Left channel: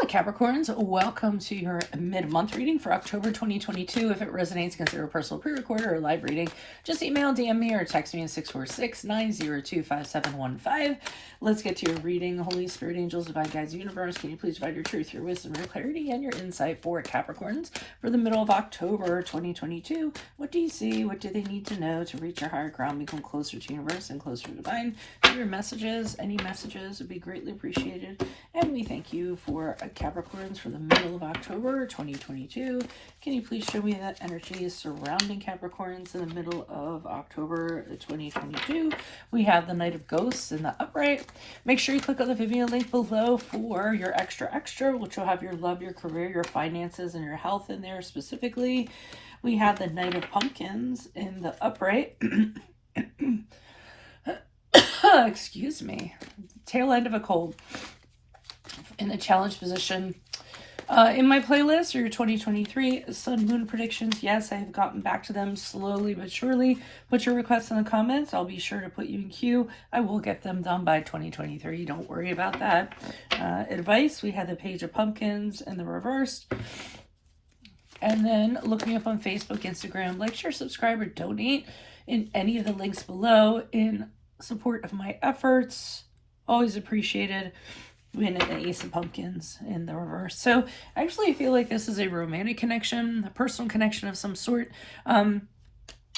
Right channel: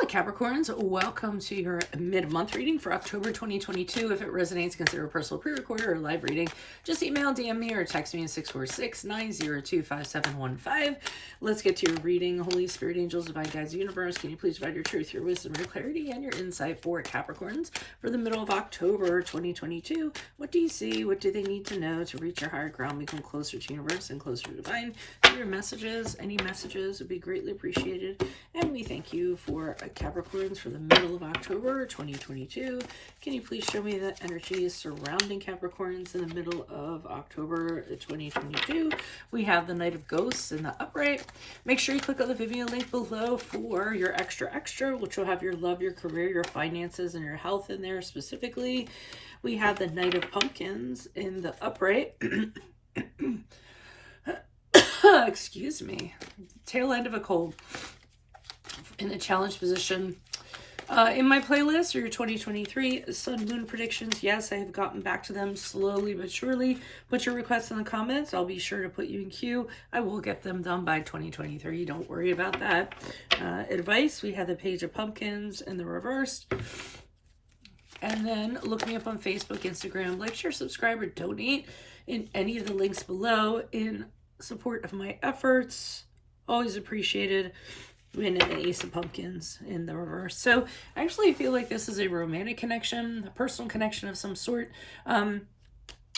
Hola Capricorns, welcome to your mid-month reading for October 2022. If it resonates, consider a personal pre-recorder or live reading. Just email, DM me, or text me at 646-902-5715. Let's get to your reading. Holy Spirit, angels, divine guides, universe, can you please provide your truth, your wisdom, your clarity, and your insight for Capricorns for the middle of October 2022? What do you see? What do they need to know to reach your higher ground, become closer to universe and closer to divine? Your messages, any messages would be greatly appreciated. And we thank you for Capricorns for the middle of October 2022. Can you please show me that energy surrounding Capricorns in the middle of October 2022? We have the Knight of Ghosts in the upright. Make sure you click on the Vimeo link below for your extra, which will have your love, your career, your finances, and your health in there specifically. We have the Knight of Pumpkins in the upright. Excuse me. Tail end of a cold. In the challenge position. In my playlist are your 2023 Sun Moon predictions. Yes, I have gotten back to them slowly but surely. Put your requests in the comments. I'll be sure to put you in queue. I will get them done by 2023. Don't worry about that. Advice, we have the Page of Pumpkins in the reversed. And then look me up on Facebook, Instagram. Like, share, subscribe, or donate in any of the links below in support of my efforts. Always appreciated. And an Ace of Pumpkins in the reverse. So actually I feel like this is a romantic connection, a personal connection of some sort.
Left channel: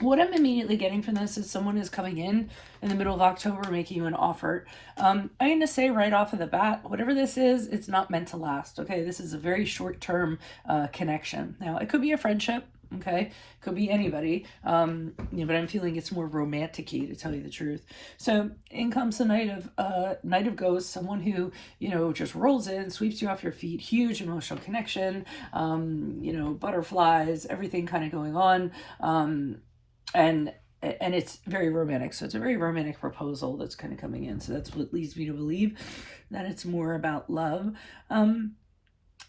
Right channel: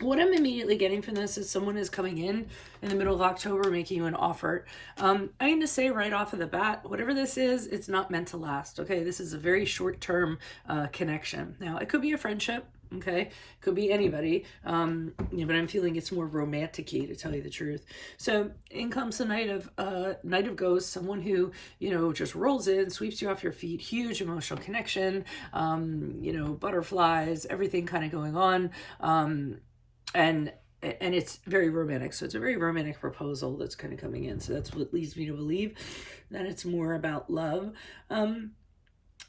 What I'm immediately getting from this is someone is coming in the middle of October making you an offer. I'm going to say right off of the bat, whatever this is, it's not meant to last. Okay, this is a very short-term connection. Now, it could be a friendship. Okay, could be anybody, but I'm feeling it's more romantic-y, to tell you the truth. So in comes the Knight of Ghosts, someone who, just rolls in, sweeps you off your feet, huge emotional connection, butterflies, everything kind of going on, and it's very romantic. So it's a very romantic proposal that's kind of coming in. So that's what leads me to believe that it's more about love.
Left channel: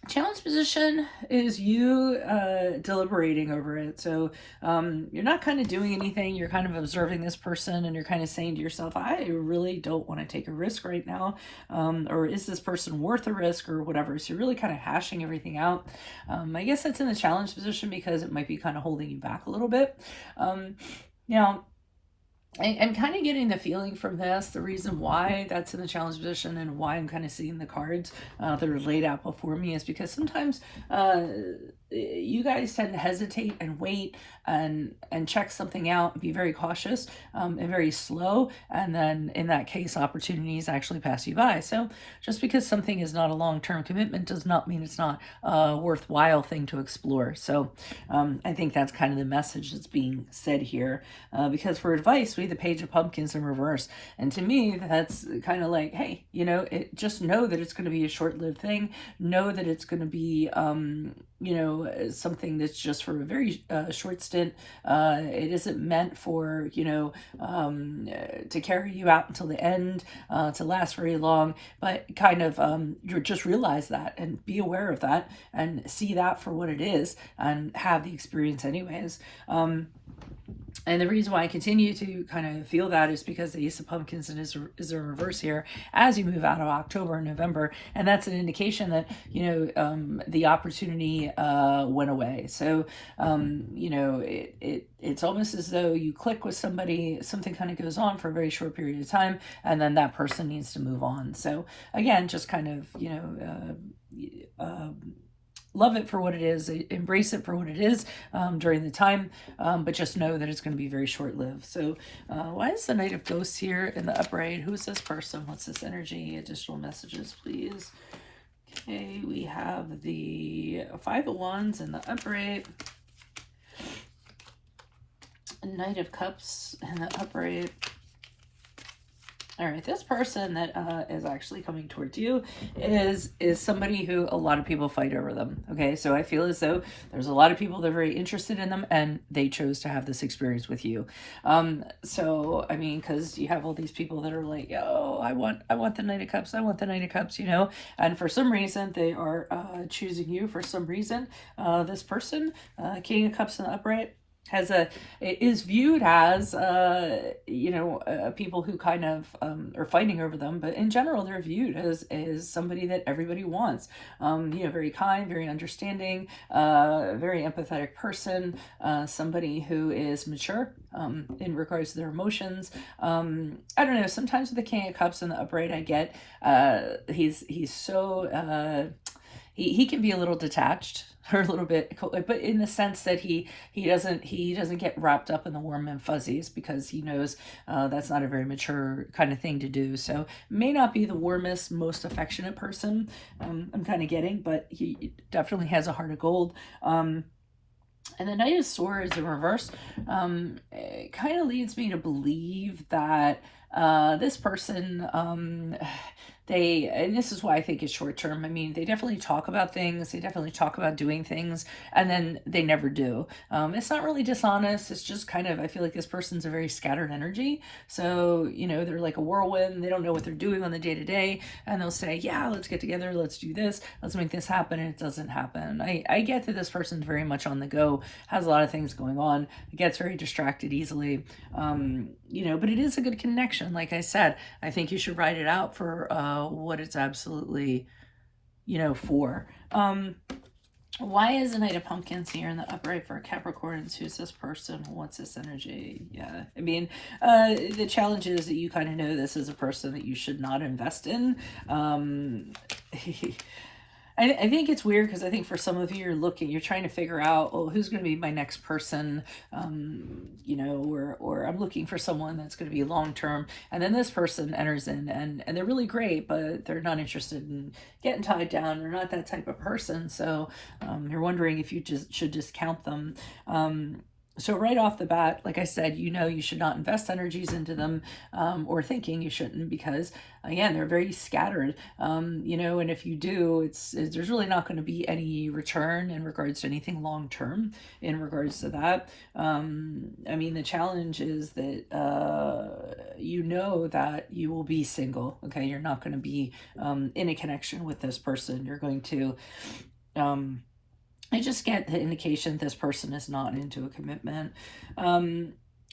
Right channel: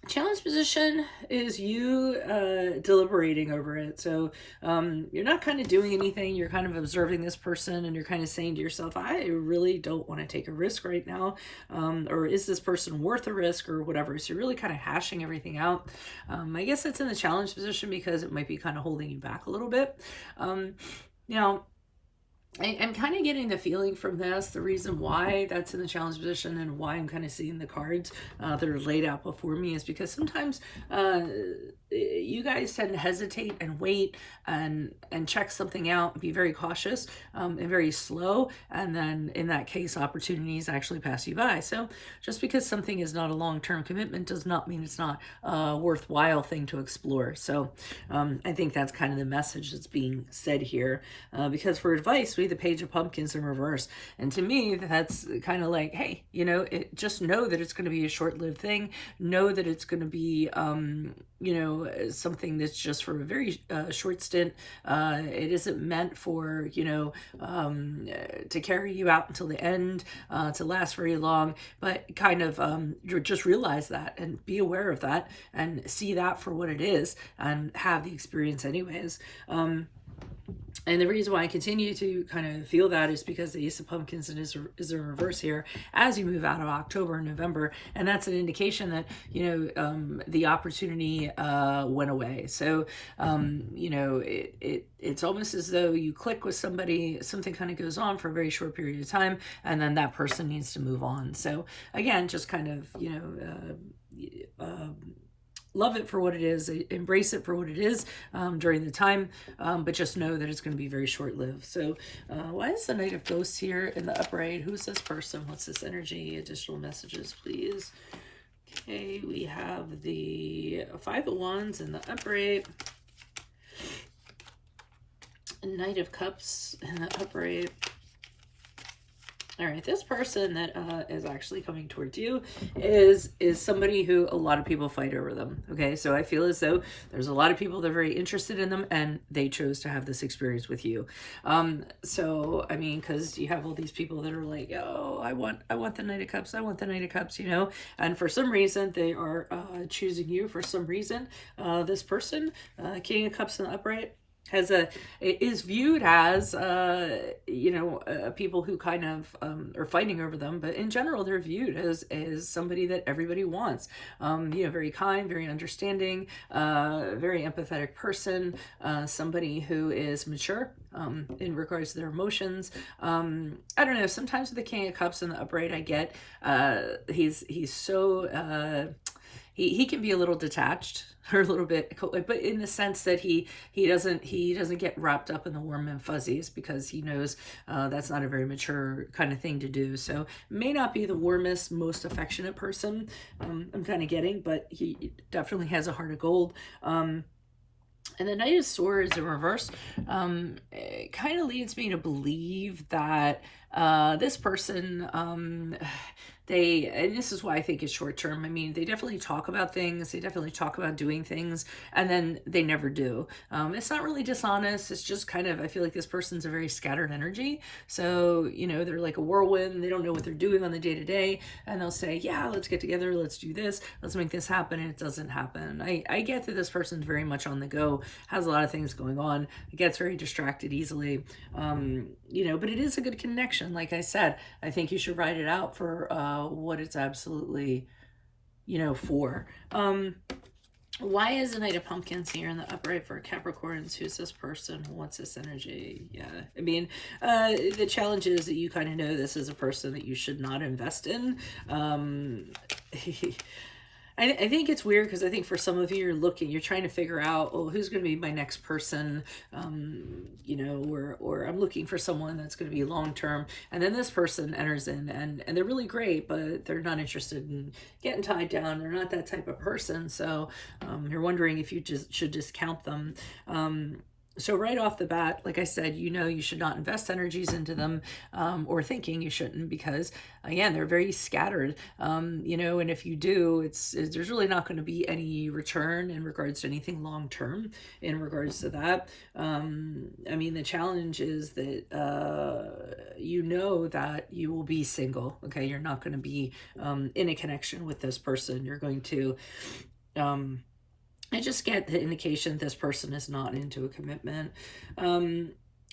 Challenge position is you deliberating over it. So you're not kind of doing anything. You're kind of observing this person and you're kind of saying to yourself, I really don't want to take a risk right now. Or is this person worth a risk or whatever? So you're really kind of hashing everything out. I guess that's in the challenge position because it might be kind of holding you back a little bit. Now, I'm kind of getting the feeling from this, the reason why that's in the challenge position and why I'm kind of seeing the cards that are laid out before me is because sometimes you guys tend to hesitate and wait and check something out and be very cautious and very slow. And then in that case, opportunities actually pass you by. So just because something is not a long-term commitment does not mean it's not a worthwhile thing to explore. So I think that's kind of the message that's being said here because for advice, we the Page of Pumpkins in reverse. And to me, that's kind of like, hey, just know that it's going to be a short-lived thing. Know that it's going to be, something that's just for a very short stint. It isn't meant for, to carry you out until the end, to last very long, but kind of just realize that and be aware of that and see that for what it is and have the experience anyways. And the reason why I continue to kind of feel that is because the Ace of Pumpkins is a reverse here as you move out of October and November. And that's an indication that, the opportunity went away. So, it's almost as though you click with somebody, something kind of goes on for a very short period of time, and then that person needs to move on. So again, just kind of, love it for what it is, embrace it for what it is during the time, but just know that it's going to be very short-lived. So why is the Knight of Ghosts here in the upright? Who's this person? What's this energy? Additional messages, please. Okay, we have the Five of Wands in the upright. Knight of Cups in the upright. All right, this person that is actually coming towards you is somebody who a lot of people fight over them, okay? So I feel as though there's a lot of people that are very interested in them and they chose to have this experience with you. So, I mean, because you have all these people that are like, oh, I want the Knight of Cups, I want the Knight of Cups, and for some reason they are choosing you for some reason. This person, King of Cups in the upright, it is viewed as people who kind of are fighting over them, but in general they're viewed as somebody that everybody wants. Very kind, very understanding, very empathetic person, somebody who is mature in regards to their emotions. I don't know, sometimes with the King of Cups and the upright, I get he's so he can be a little detached or a little bit, but in the sense that he doesn't get wrapped up in the warm and fuzzies, because he knows that's not a very mature kind of thing to do. So may not be the warmest, most affectionate person, I'm kind of getting, but he definitely has a heart of gold. And the Knight of Swords in reverse it kind of leads me to believe that this person, and this is why I think it's short term. I mean, they definitely talk about things, they definitely talk about doing things, and then they never do. It's not really dishonest, it's just kind of, I feel like this person's a very scattered energy. So, they're like a whirlwind, they don't know what they're doing on the day to day, and they'll say, yeah, let's get together, let's do this, let's make this happen, and it doesn't happen. I get that this person's very much on the go, has a lot of things going on, gets very distracted easily, but it is a good connection. Like I said, I think you should write it out for what it's absolutely, for. Why is the Knight of Pumpkins here in the upright for Capricorns? Who's this person? What's this energy? Yeah, I mean, the challenge is that you kind of know this is a person that you should not invest in. I think it's weird because I think for some of you, you're trying to figure out, oh, who's going to be my next person, or I'm looking for someone that's going to be long-term. And then this person enters in and they're really great, but they're not interested in getting tied down. They're not that type of person. So you're wondering if you should discount them. So right off the bat, like I said, you should not invest energies into them, or thinking you shouldn't, because again, they're very scattered, and if you do, there's really not going to be any return in regards to anything long-term in regards to that. I mean, the challenge is that, that you will be single. Okay. You're not going to be, in a connection with this person. You're going to, I just get the indication this person is not into a commitment.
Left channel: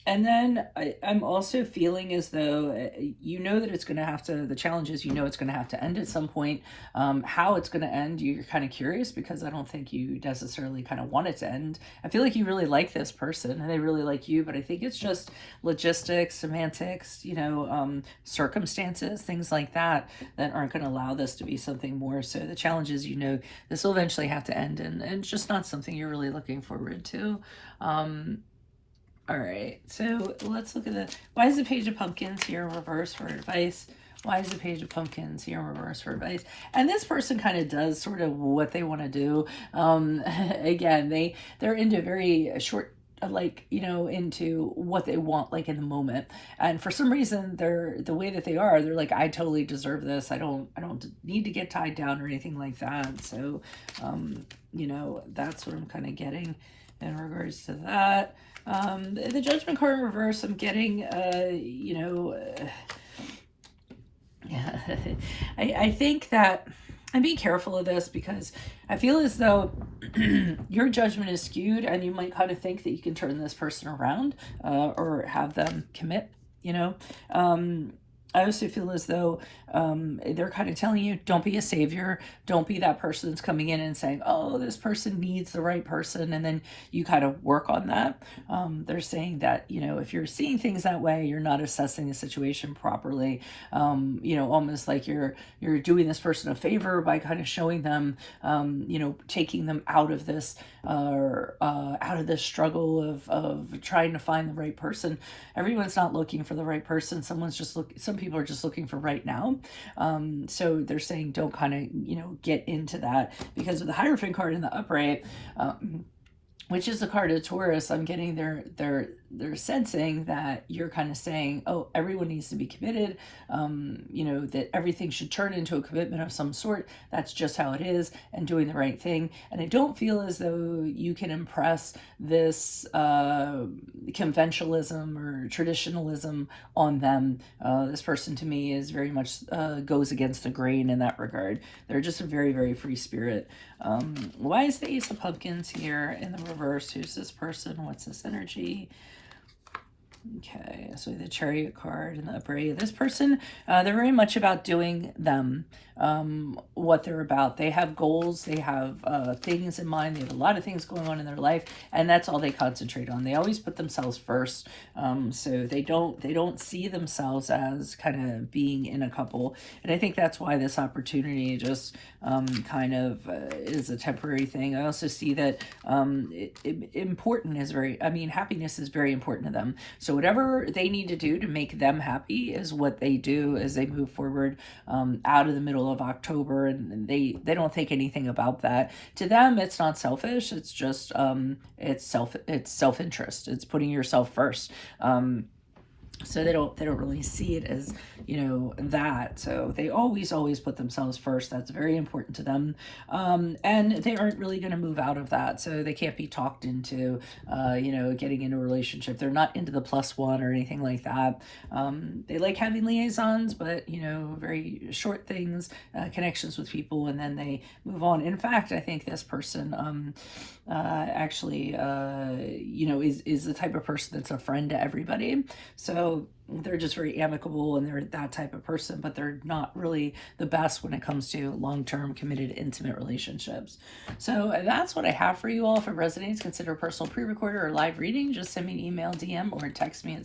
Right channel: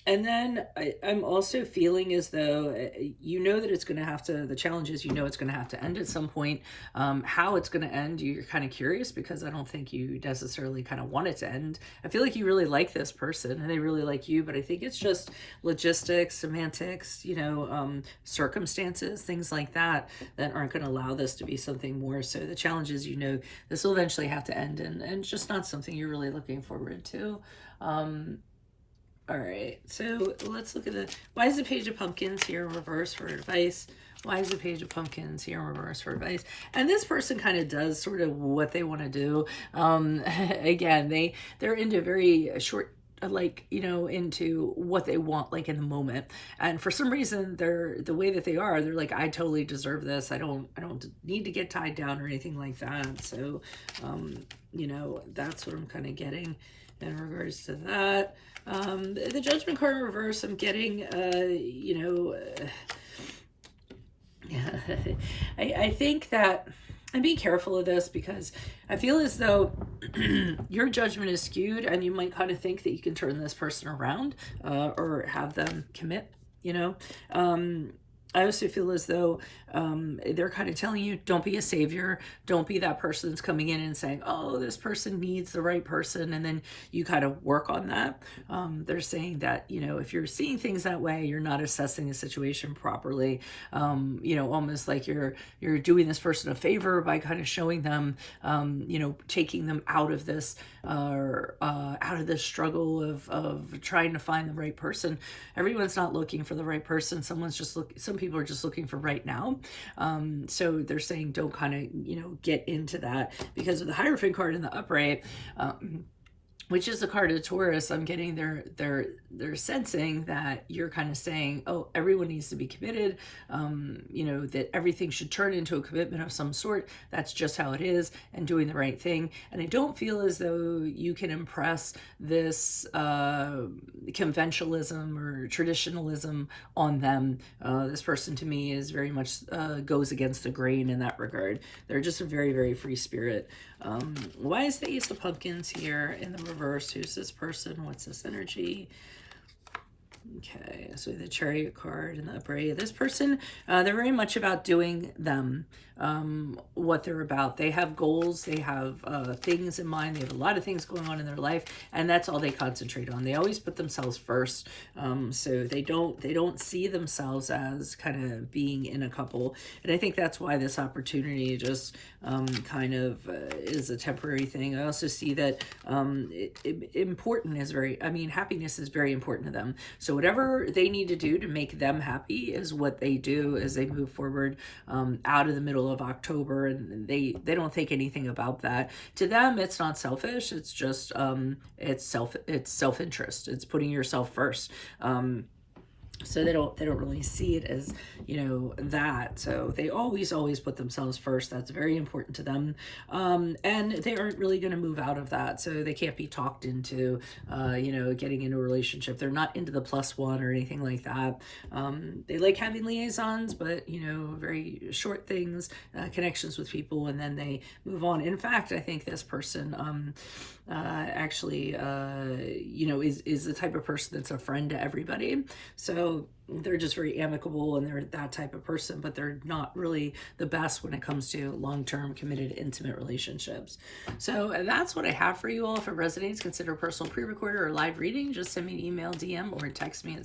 And then I'm also feeling as though that it's going to have to, the challenge is it's going to have to end at some point. How it's going to end, you're kind of curious, because I don't think you necessarily kind of want it to end. I feel like you really like this person and they really like you, but I think it's just logistics, semantics, circumstances, things like that aren't going to allow this to be something more. So the challenge is, this will eventually have to end, and it's just not something you're really looking forward to. All right, so let's look at why is the Page of Pumpkins here in reverse for advice? Why is the Page of Pumpkins here in reverse for advice? And this person kind of does sort of what they want to do. Again, they're into very short, into what they want, like in the moment. And for some reason, they're the way that they're like, I totally deserve this. I don't need to get tied down or anything like that. So, that's what I'm kind of getting in regards to that. The Judgment card in reverse, I'm getting, I think that I'm being careful of this, because I feel as though your judgment is skewed, and you might kind of think that you can turn this person around, or have them commit, I also feel as though they're kind of telling you, don't be a savior. Don't be that person that's coming in and saying, oh, this person needs the right person. And then you kind of work on that. They're saying that, if you're seeing things that way, you're not assessing the situation properly. Almost like you're doing this person a favor by kind of showing them, taking them out of this, out of this struggle of trying to find the right person. Everyone's not looking for the right person. Some people are just looking for right now. So they're saying don't kind of, get into that, because of the Hierophant card in the upright, which is the card of Taurus. I'm getting they're sensing that you're kind of saying, oh, everyone needs to be committed, that everything should turn into a commitment of some sort. That's just how it is, and doing the right thing. And I don't feel as though you can impress this conventionalism or traditionalism on them. This person to me is very much goes against the grain in that regard. They're just a very, very free spirit. Why is the Ace of Pumpkins here in the reverse reverse. Who's this person? What's this energy? Okay, so the Chariot card and the Upright. This person, they're very much about doing them, what they're about. They have goals, they have things in mind, they have a lot of things going on in their life, and that's all they concentrate on. They always put themselves first, so they don't see themselves as kind of being in a couple. And I think that's why this opportunity just kind of is a temporary thing. I also see that important is happiness is very important to them. So whatever they need to do to make them happy is what they do as they move forward out of the middle of October, and they don't think anything about that. To them, it's not selfish. It's just it's self-interest. It's putting yourself first. So they don't really see it as, that. So they always put themselves first. That's very important to them. And they aren't really going to move out of that. So they can't be talked into, getting into a relationship. They're not into the +1 or anything like that. They like having liaisons, but, very short things, connections with people, and then they move on. In fact, I think this person, is the type of person that's a friend to everybody. So they're just very amicable and they're that type of person, but they're not really the best when it comes to long-term committed intimate relationships. So that's what I have for you all. If it resonates, consider personal pre-recorder or live reading. Just send me an email, DM, or text me at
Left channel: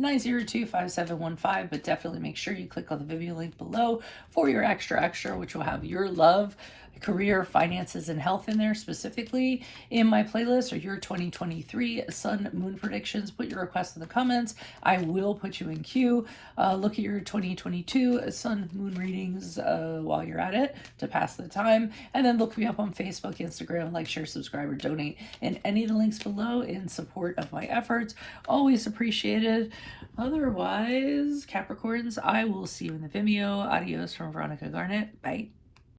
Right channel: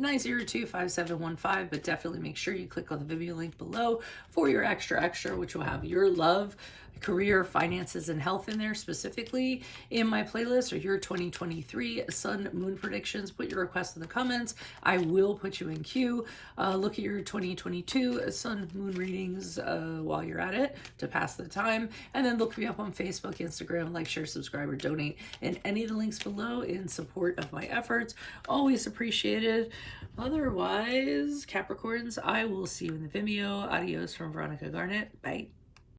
646-902-5715, but definitely make sure you click on the Vimeo link below for your extra, which will have your love, career, finances, and health in there specifically in my playlist, or your 2023 sun moon predictions. Put your requests in the comments. I will put you in queue. Look at your 2022 sun moon readings while you're at it to pass the time, and then look me up on Facebook, Instagram, like, share, subscribe, or donate in any of the links below in support of my efforts. Always appreciated. Otherwise, Capricorns, I will see you in the Vimeo. Adios from Veronica Garnet. Bye.